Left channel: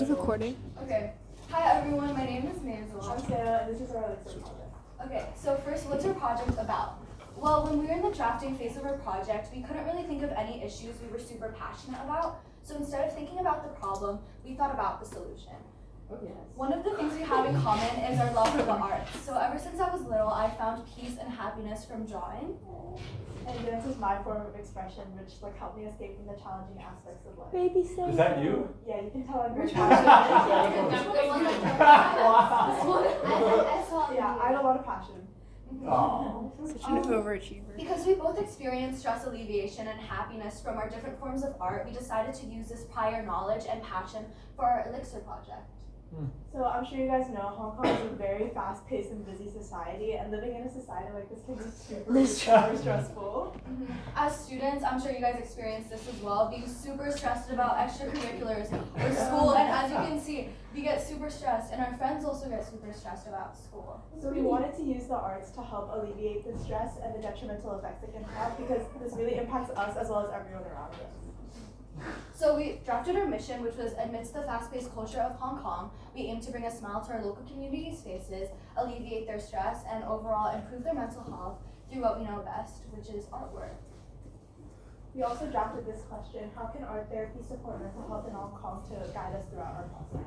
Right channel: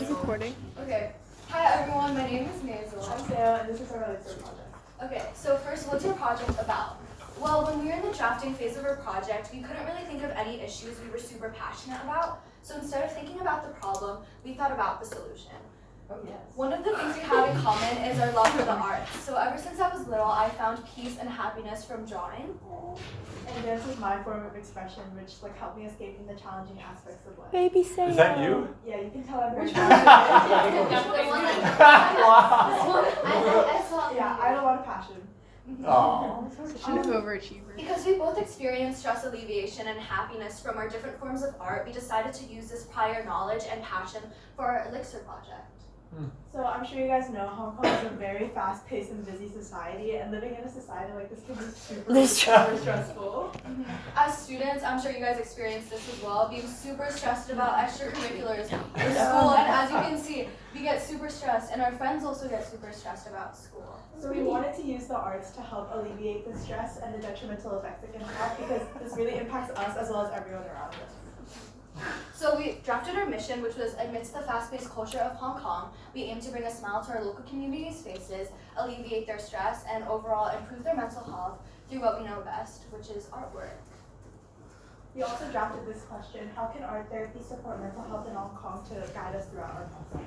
Is it recording? Okay. Hi everyone, my name is Mazel. I'm Mazel, and this is our Elixir project. Okay, so first, what's your project about? Well, when we were in the drafting phase of our project, we couldn't really think of any issues we were super passionate about. So instead of thinking about the problem, we thought about the solution. Oh, yes. One of the things we have in common is our love for the arts. So ever since I was little, I found peace and happiness from drawing. And dance is my form of expression, which helped me escape from the challenging aspects of life. Baby say. Is that you? Yeah, you can tell I'm very Which passionate. one? Yeah, I have a lot of passion. Oh. Such an overachiever. Because we both experienced stress alleviation and happiness from our different forms of art, we decided to use this prior knowledge and passion for our Elixir project. So I'm sure you guys know Hong Kong is a very fast-paced and busy society, and living in a society like this can be super stressful. As students, I'm sure you guys experience this as well, being super stressed about extracurriculars or school, and as you can see, we get super stressed, and our friends also get super stressed about school. So we wanted to use the arts to help alleviate the stress and the detrimental effects it can have, because this really impacts us as well as everyone around us. So we drafted our mission, which was amidst the fast-paced culture of Hong Kong, we aim to bring a smile to our local communities' faces, alleviate their stress, and overall improve their mental health through what we know best, which is artwork. We also drafted this question: how can art therapy support mental health in Hong Kong, to guide us throughout our process?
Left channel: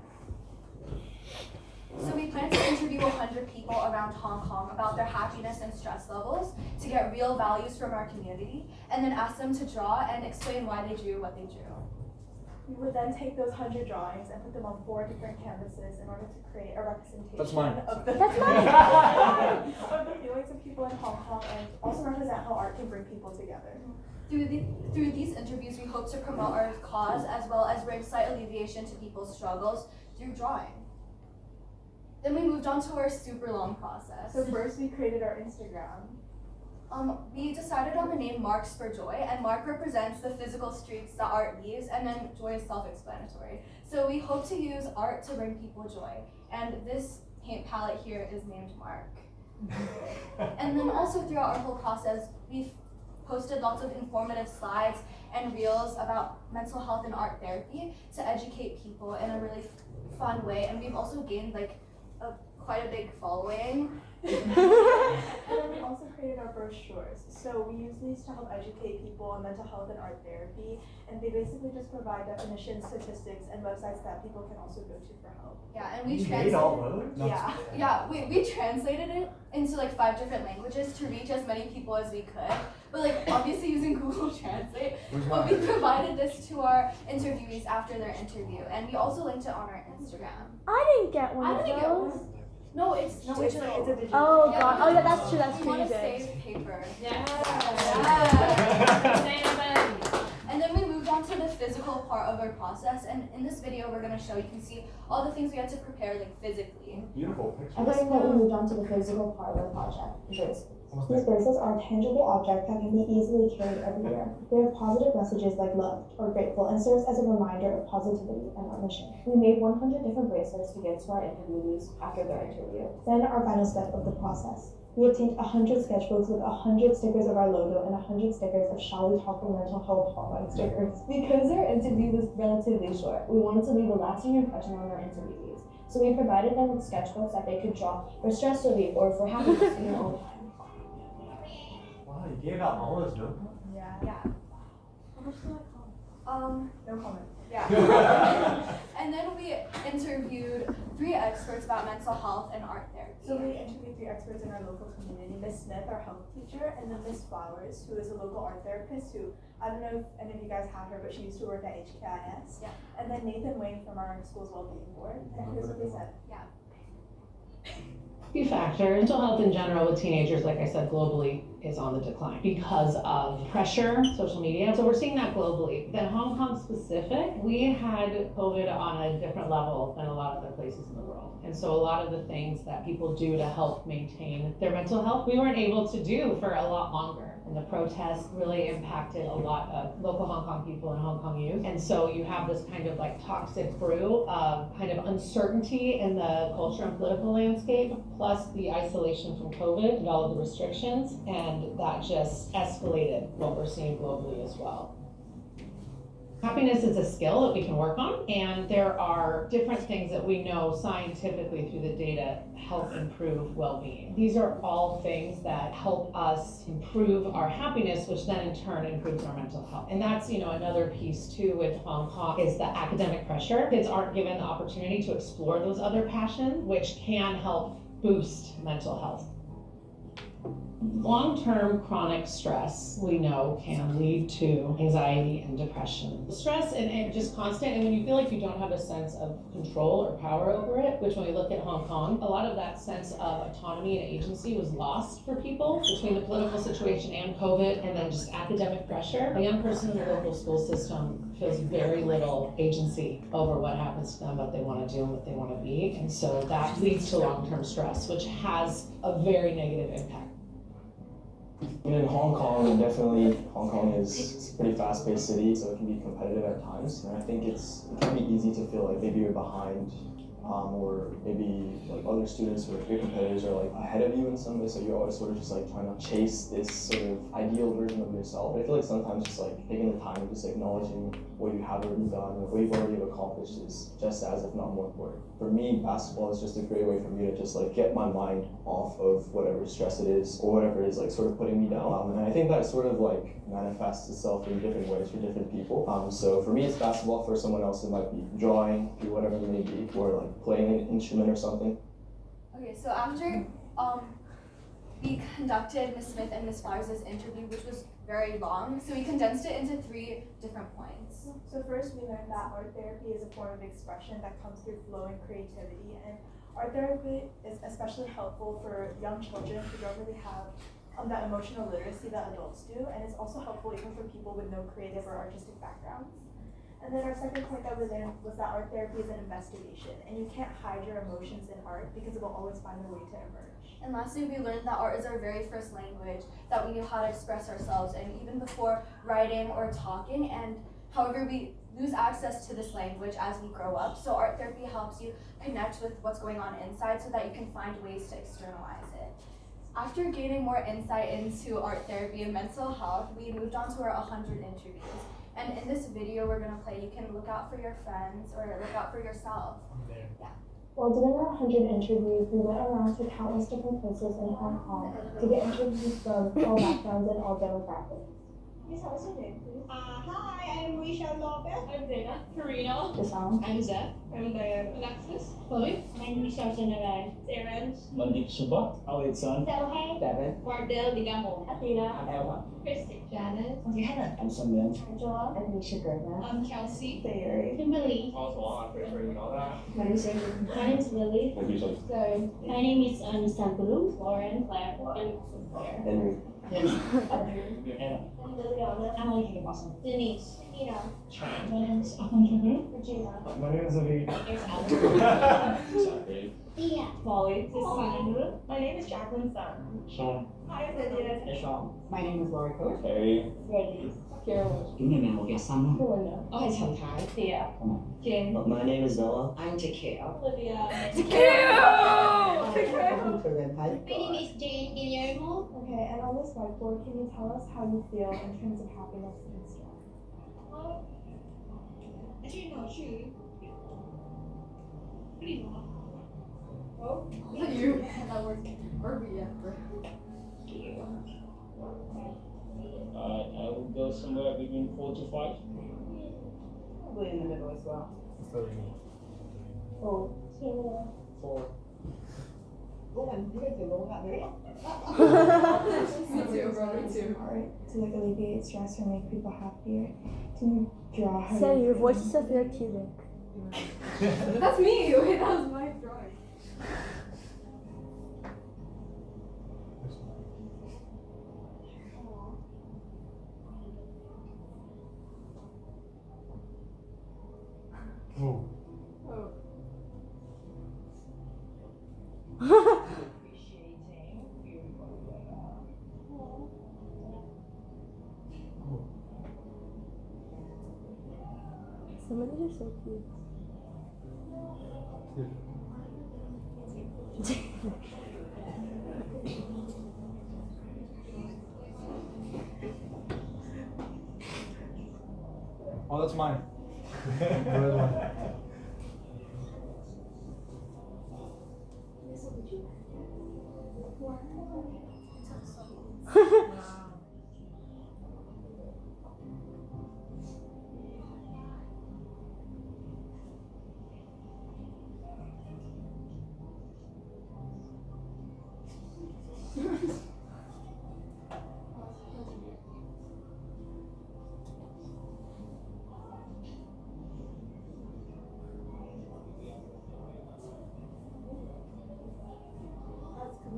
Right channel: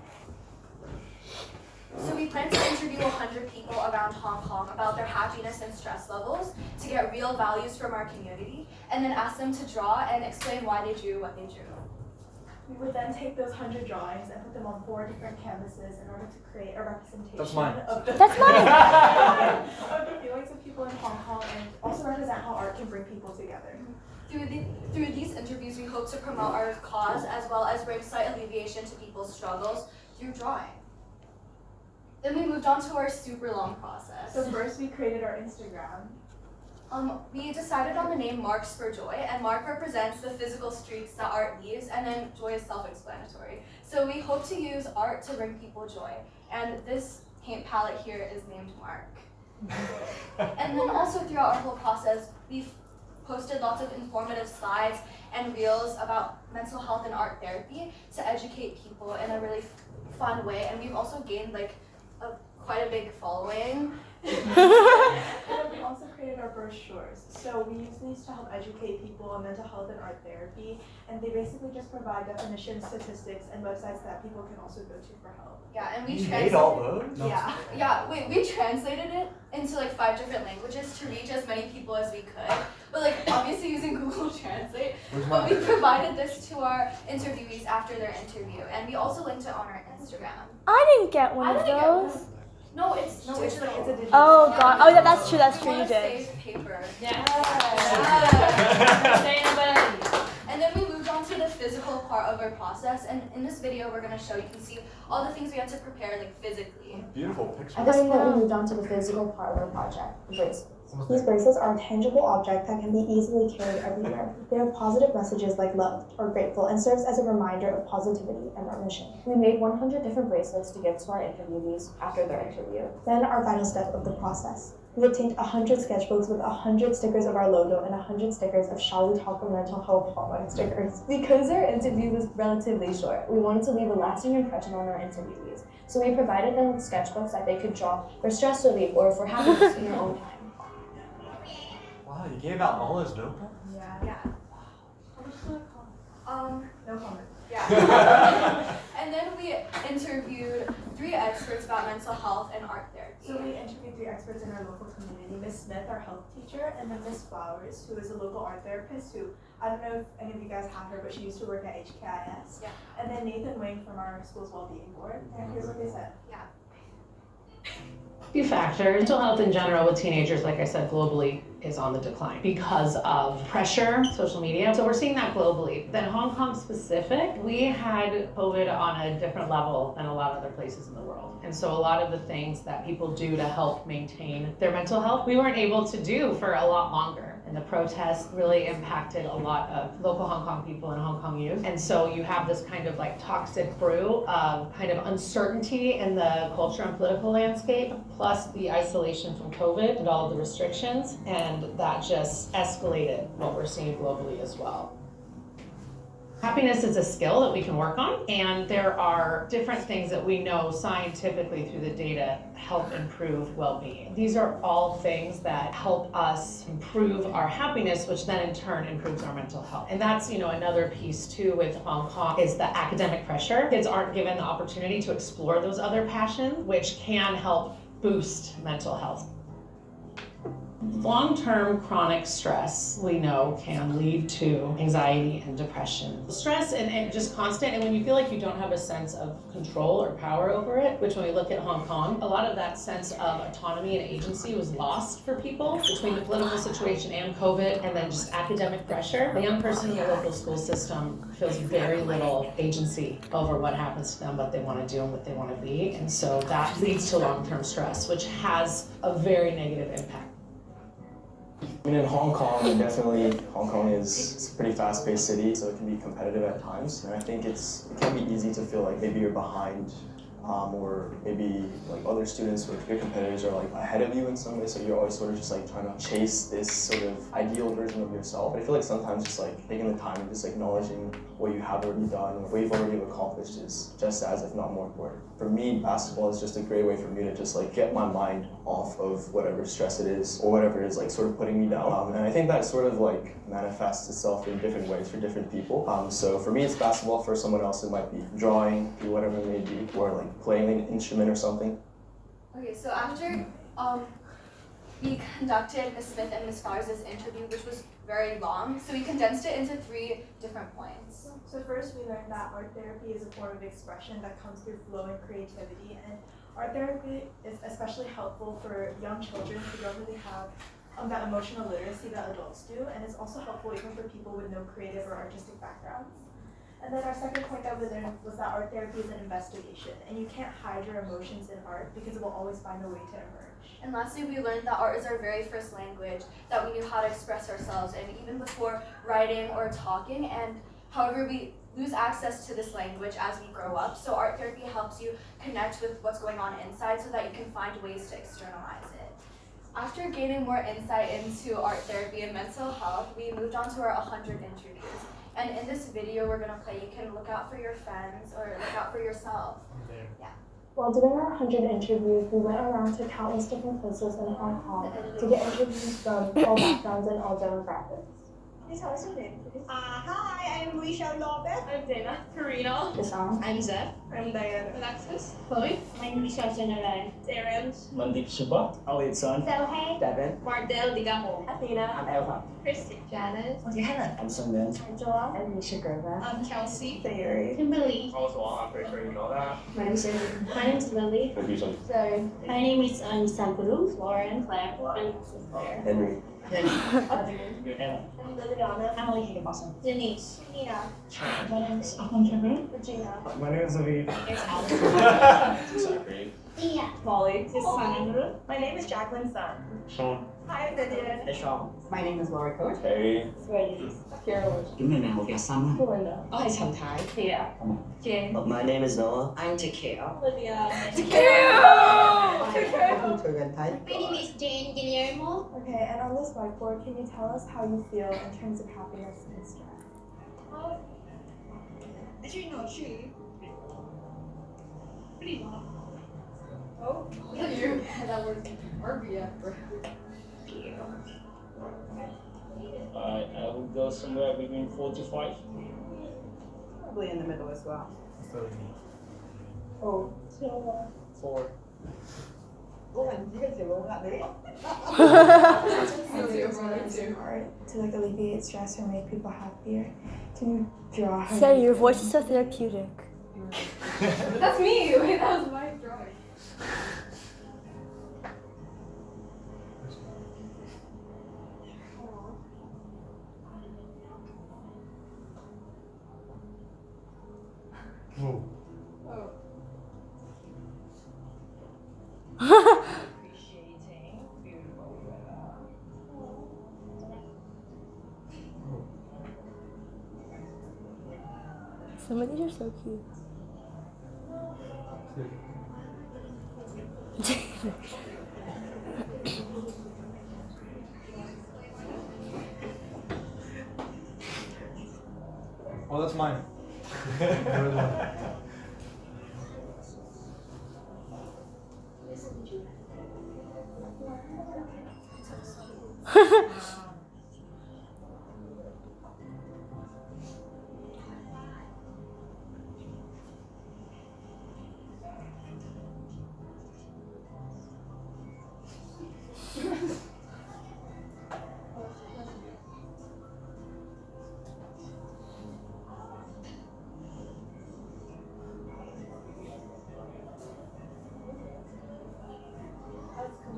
So we plan to interview 100 people around Hong Kong about their happiness and stress levels to get real values from our community, and then ask them to draw and explain why they drew what they drew. We would then take those 100 drawings and put them on 4 different canvases in order to create a representation That's mine. of the That's mine. of the feelings of people in Hong Kong, and also represent how art can bring people together. Through these interviews, we hope to promote our cause as well as bring slight alleviation to people's struggles through drawing. Then we moved on to our super long process. So first we created our Instagram. We decided on the name Marks for Joy, and Mark represents the physical streaks that art leaves, and then joy is self-explanatory. So we hope to use art to bring people joy, and this paint palette here is named Mark. And then also throughout our whole process, we've posted lots of informative slides and reels about mental health and art therapy to educate people in a really fun way, and we've also gained quite a big following. And then we also created our brochures. So we use these to help educate people on mental health and art therapy, and they basically just provide definitions, statistics, and websites that people can also go to for help. Yeah, and we You translated. made all those? Yeah. Yeah, we translated it into 5 different languages to reach as many people as we could. But obviously using Google Translate. But we provided this to our interviewees after their interview, and we also linked it on our Instagram. I didn't get one of those. No, it's digital. It's a digital. Oh Yeah, god. because Oh yeah, that's true. That's we true. You wanna did. save paper. Yeah. And then we moved on to the physical part of our process, and in this video we're gonna show, you can see all the things we had to prepare physically. Beautiful picture. At this point, we moved on to the physical part of our project, the bracelets. These bracelets are a tangible object that can be easily carried everywhere. They have positive messages like loved or grateful, and serves as a reminder of positivity and our mission. We made 100 different bracelets to give to our interviewees after their interview. Then our final step of the process. We obtained 100 sketchbooks with 100 stickers of our logo and 100 stickers of Shall We Talk About Mental Health hotline stickers. Because our interview was relatively short, we wanted to leave a lasting impression on our interviewees. So we provided them with sketchbooks that they could draw for stress relief or for happiness in their own time. Wow, you gave out all those notebooks? Yeah. How much did that cost? No comment. Yeah. And then we interviewed 3 experts about mental health and art therapy. So we interviewed 3 experts in our local community: Miss Smith, our health teacher, and then Miss Flowers, who is a local art therapist who, I don't know if any of you guys have her, but she used to work at HKIS. Yeah. And then Nathan Wing from our school's well-being board. And here's what they said. Few factors. Mental health in general with teenagers, like I said, globally is on the decline because of pressure, social media. So we're seeing that globally. Then Hong Kong specific, we had COVID on a different level than a lot of other places in the world. And so a lot of the things that people do to help maintain their mental health, we weren't able to do for a lot longer. And the protests really impacted a lot of local Hong Kong people and Hong Kong youth. And so you have this kind of toxic brew of kind of uncertainty in the culture and political landscape, plus the isolation from COVID and all of the restrictions. And that just escalated what we're seeing globally as well. Happiness is a skill that we can work on, and there are different things that we know scientifically through the data help improve well-being. These are all things that help us improve our happiness, which then in turn improves our mental health. And that's, another piece too with Hong Kong is the academic pressure. Kids aren't given the opportunity to explore those other passions, which can help boost mental health. Long-term chronic stress, we know, can lead to anxiety and depression. Stress and just constant, and when you feel like you don't have a sense of control or power over it, which when we look at Hong Kong, a lot of that sense of autonomy and agency was lost for people between the political situation and COVID, and then just academic pressure. A young person in the local school system feels very little agency over what happens to them, what they want to do, and what they want to be, and so that leads to long-term stress, which has a very negative impact. I mean, in Hong Kong, definitely, Hong Kong is a pretty fast-paced city, so it can be competitive at times. And I think it can be easy to feel like maybe you're behind, or maybe like other students or your competitors are like ahead of you in some way, so you're always sort of just like trying to chase this sort of ideal version of yourself. But I feel like sometimes just like taking the time and just acknowledging what you have already done or what you've already accomplished is just as, if not more important. For me, basketball is just a great way for me to just like get my mind off of whatever stress it is or whatever is like sort of putting me down. And I think that sort of like manifests itself in different ways for different people. So for me, it's basketball. For someone else, it might be drawing, do whatever it may be, or like playing an instrument or something. Okay, so after we conducted Ms. Smith and Ms. Flowers' interview, which was very long, so we condensed it into 3 different points. So first, we learned that art therapy is a form of expression that comes through flow and creativity, and art therapy is especially helpful for young children who don't really have that emotional literacy that adults do, and it's also helpful even for people with no creative or artistic backgrounds. And then our second point that we learned was that art therapy is an investigation, and you can't hide your emotions in art because it will always find a way to emerge. And lastly, we learned that art is our very first language, that we knew how to express ourselves, and even before writing or talking, and however we lose access to this language as we grow up. So art therapy helps you connect with what's going on inside so that you can find ways to externalize it. After gaining more insight into art therapy and mental health, we moved on to our 100 interviews. And in this video we're gonna play, you can look out for your friends or look out for yourself. Yeah. While doing our 100 interviews, we went around to countless different places in Hong Kong to get interviews from all backgrounds and all demographics. Can you tell us your name, please? Hi, I'm Risha Lopez. I'm Dana. Karina. Isam. I'm Zeph. I'm Diana. Alexis. Chloe. I'm Risha General. Darren. Mandip Suba, Awit Son, So, hey. Devin, Mardell Digamo. Athena. I'm Eva, Christy. Janice. I'm Sundan. Angela. And Nisha Gerva. I'm Kelsey. Sayuri. Kimberly. I'm pretty sure you know that. My name is Lily. Sorry. My name is Anisangulu. Lauren. Claire. And Henry. Hannah. Liliana. Emily Higginbotham. Denise. Nina. My name is Ahmed. Regina. My name is Aviv. There's Alex. Sorry. Dia. Molly. My name is Jacqueline Sun. Sean. Hi, I'm Vivian. Hey, Sean. My name is Laura Coach. Harry. Wendy. Carol. Belinda. Hi, Sometimes. Yeah. Jane. My name is Noah. I'm Takeo. Olivia. Welcome to Rentai. My name is Jane Guillermo. Okay, and on this whiteboard, can you tell us how you feel in terms of happiness and stress? Actually, no, she. Pretty long. Oh, You. That word. Yeah. I would go somewhere between 4 to 5. Probably in the middle as well. Oh. 4. Art to like alleviate stress or make people happier. Can you draw how Say, you your feel? voice is so therapeutic. that's me. Wait, that was my drawing. Oh. Some of these are so cute. Oh, that's What's mine?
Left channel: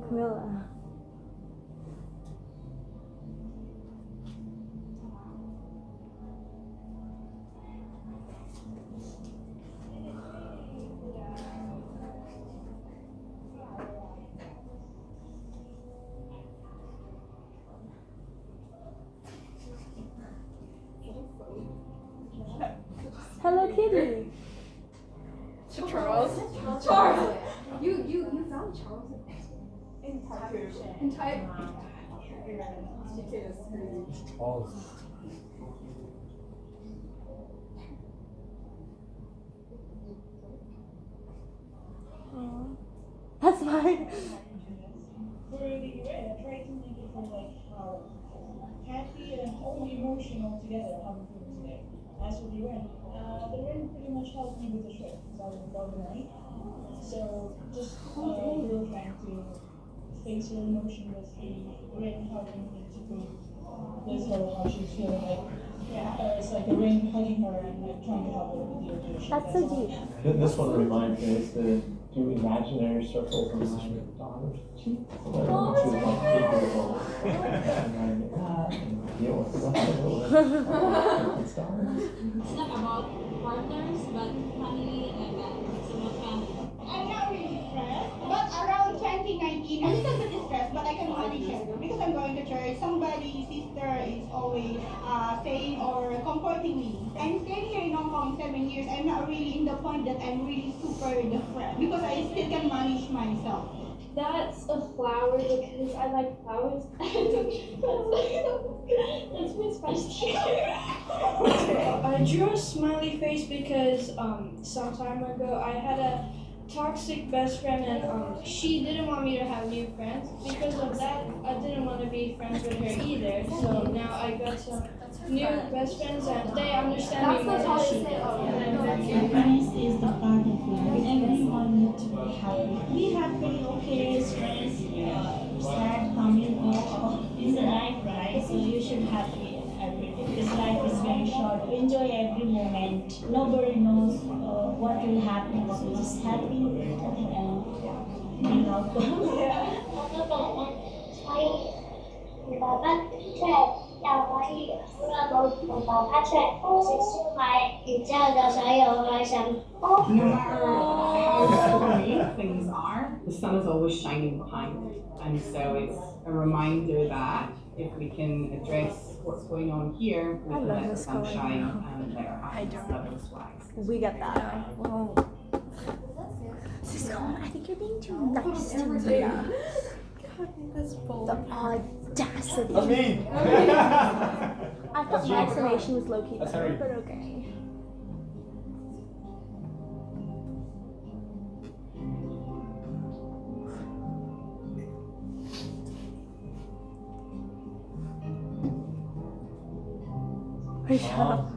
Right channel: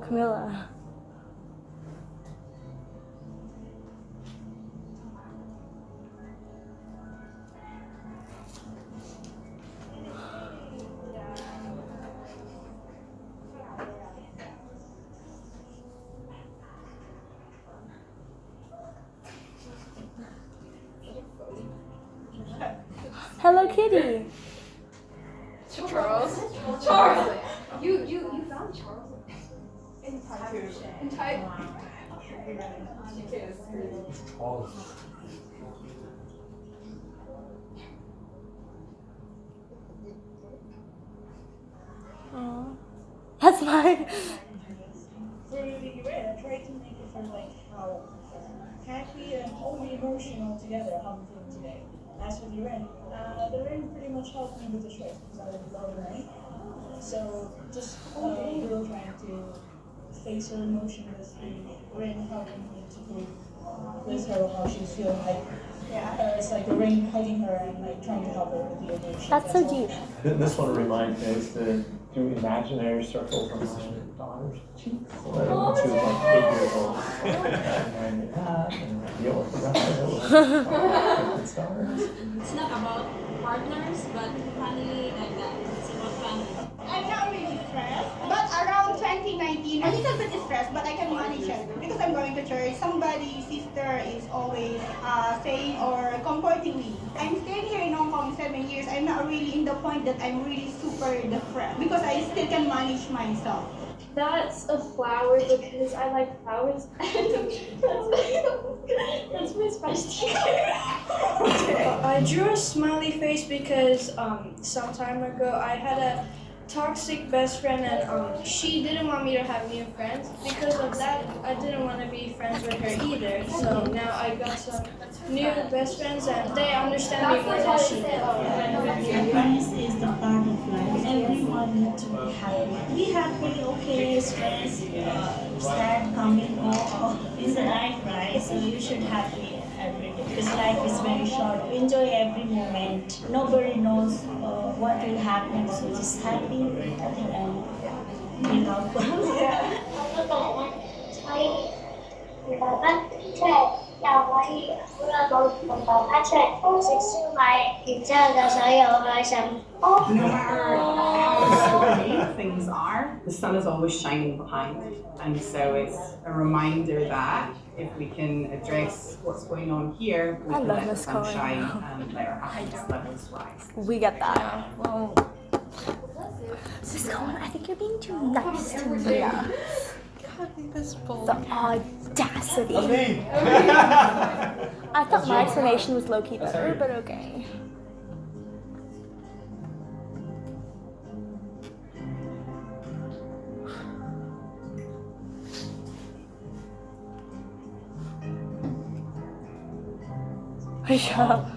Camilla. Hello Kitty. Charles. Charles. You found Charles In part two. in type. Oh. That's mine. Literally, you're right. I tried to make it feel like how happy and wholly emotional together how I'm feeling today. As for the rain, pretty much helped me with the trip because I love rain. So just girl trying to face her emotion with the rain helping me to be with her how she's feeling like. It's like the rain hugging her and like trying to help her with the emotion. That's so all. deep. This one reminds me is to do imaginary circles on my daughter's cheeks. So that when she was like 8 years old. And then that, and then the old stars. It's not about partners, but family like that. It's about family. I'm not really stressed, but around 2019, a little bit stressed, but I can manage it because I'm going to church. Somebody's sister is always saying or comforting me. I'm staying here in Hong Kong 7 years. I'm not really in the point that I'm really super depressed because I still can manage myself. That's a flower because I like flowers. That's my specialty. I drew a smiley face because some time ago I had a toxic best friend and she didn't want me to have new friends. Because of that, I didn't want to be friends with her either. So now I got some new best friends and they understand me more than she did. Happiness is the part of life. Everyone needs to be happy. Be happy, okay, stress, sad, coming, is life, right? So you should happy every day. Because life is very short. Enjoy every moment. Nobody knows what will happen. So just happy at the end. You know. No matter how great things are, the sun is always shining behind. And so it's a reminder that if we can address what's going on here, we can let the sun shine and let our happiness levels rise. We get that. Well, Cisco, I think you're being too nice to me. The audacity. That's me. I thought my explanation was low-key better, but okay. Shut up.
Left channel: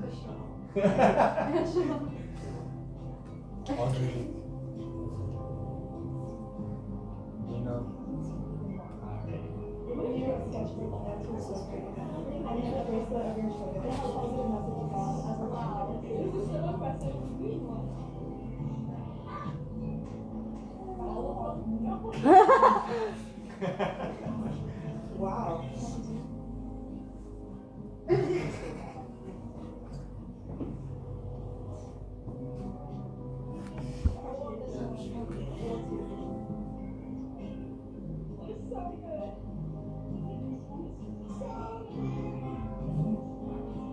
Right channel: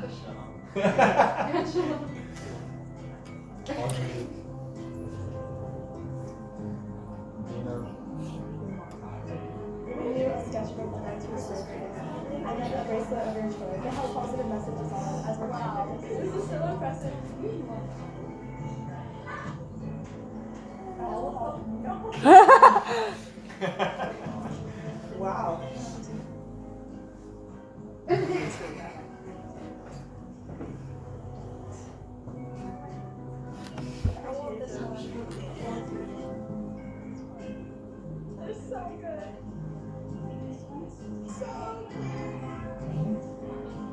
Sketchbook and that's what's and then a bracelet of your choice. They have positive messages on as reminders. This is so impressive. Wow. It's so good.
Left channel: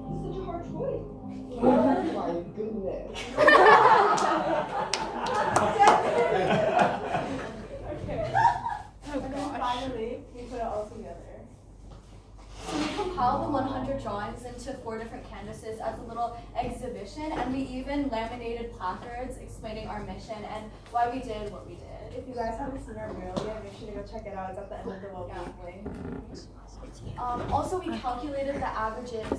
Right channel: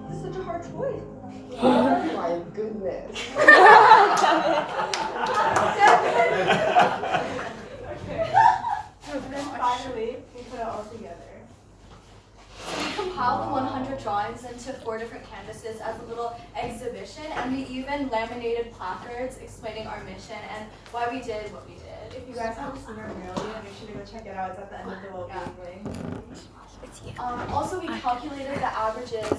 This is such a hard choice. Oh my goodness. And then finally, we put it all together. So we compiled the 100 drawings into 4 different canvases as a little exhibition. and laminated placards explaining our mission and why we did what we did. If you guys haven't seen our mural yet, make sure to go check it out. It's at the end of the well-being wing. Also, we calculated the averages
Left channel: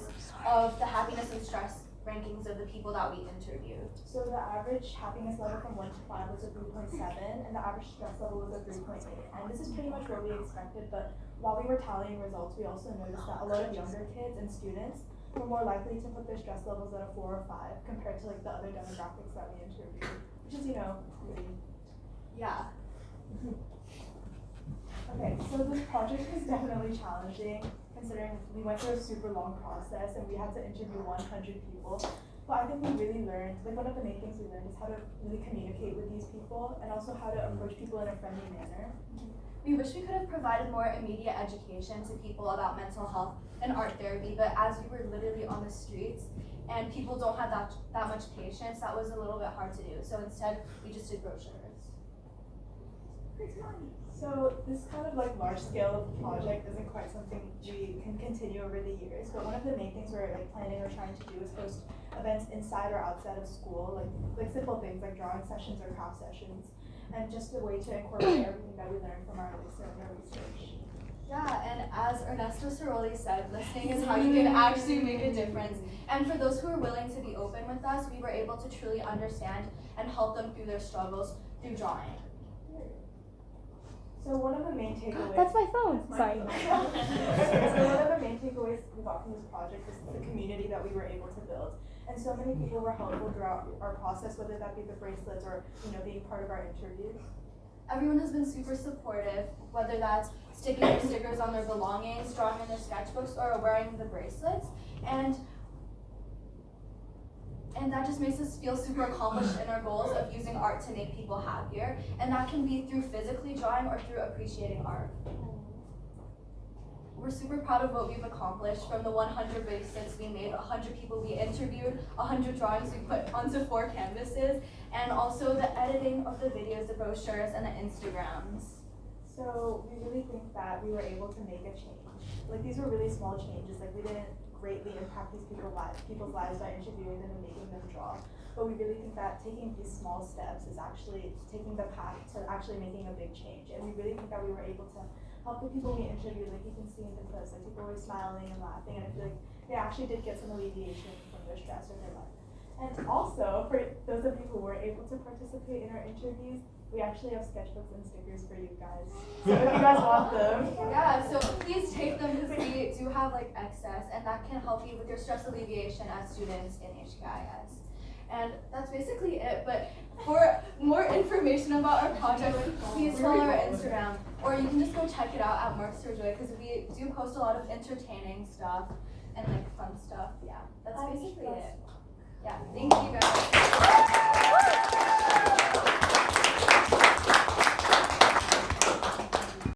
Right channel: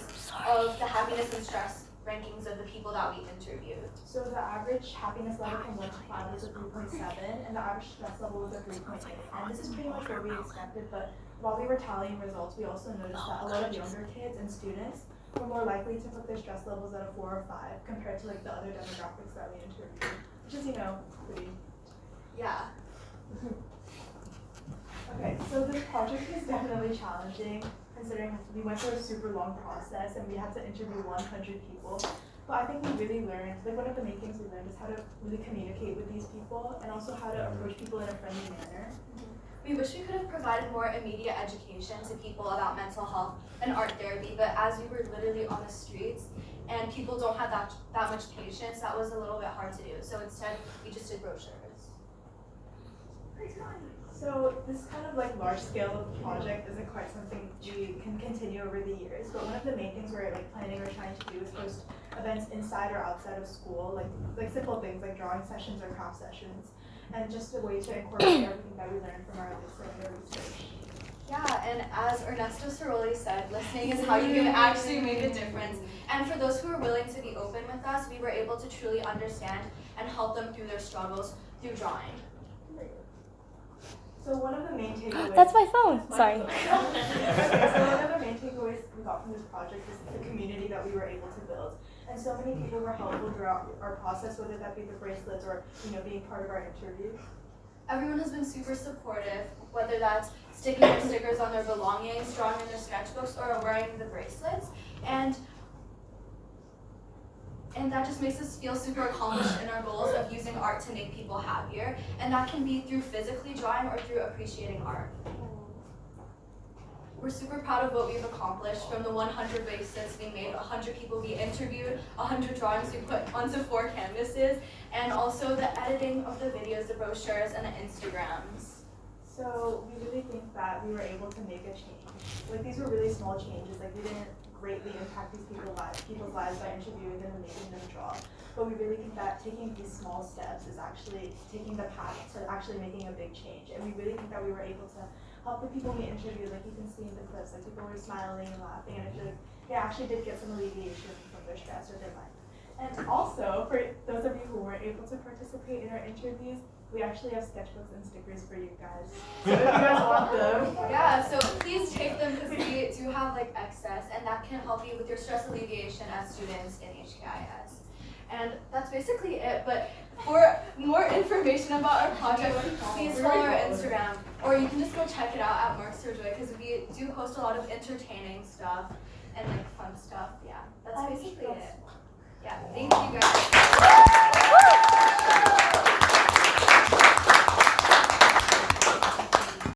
of the happiness and stress rankings of the people that we interviewed. So the average happiness level from 1 to 5 was a 3.7, and the average stress level was a 3.8. And this is pretty much what we expected, but while we were tallying results, we also noticed that a lot of younger kids and students were more likely to put their stress levels at a 4 or 5 compared to like the other demographics that we interviewed, which is, pretty. Yeah. Okay, so this project is definitely challenging considering we went through a super long process and we had to interview 100 people. But I think we really learned, like one of the main things we learned is how to really communicate with these people and also how to approach people in a friendly manner. We wish we could have provided more immediate education to people about mental health and art therapy, but as we were literally on the streets and people don't have that much patience, that was a little bit hard to do. So instead, we just did brochures. So this kind of like large scale project isn't quite something we can continue over the years, but one of the main things we're like planning or trying to do is host events inside or outside of school, like simple things like drawing sessions or craft sessions, and just a way to incorporate everything that we learned from our research. Yeah, and as Ernesto Ceroli said, listening is how you can actually make a difference. And for those who are willing to be open with us, we were able to truly understand and help them through their struggles through drawing. So one of the main takeaways. That's my phone. Sorry. Okay, so one of the main takeaways we got from this project is the community that we were able to build. And so many people were helpful throughout our process, whether that be the bracelets or being part of our interviews. Everyone has been super supportive, whether that's sticking their stickers on their belongings, drawing in their sketchbooks, or wearing the bracelets. And that just makes us feel super accomplished in our goals of using art to make people happier. And that can be through physically drawing or through appreciating art. We're super proud of what we've accomplished from the 100 bracelets we made, 100 people we interviewed, 100 drawings we put onto 4 canvases, and also the editing of the videos, the brochures, and the Instagrams. So we really think that we were able to make a change. Like these were really small changes. Like we didn't greatly impact these people's lives by interviewing them and making them draw. But we really think that taking these small steps is actually taking the path to actually making a big change. And we really think that we were able to help the people we interviewed, like you can see in the clips, like people were smiling and laughing, and I feel like they actually did get some alleviation from their stress or their life. And also, for those of you who were able to participate in our interviews, we actually have sketchbooks and stickers for you guys. So if you guys want them. Yeah, so please take them because we do have like excess, and that can help you with your stress alleviation as students in HKIS. And that's basically it, but for more information about our project, please follow our Instagram, or you can just go check it out at Marks for Joy, because we do host a lot of entertaining stuff and like fun stuff. Yeah, that's basically it. Yeah, thank you guys.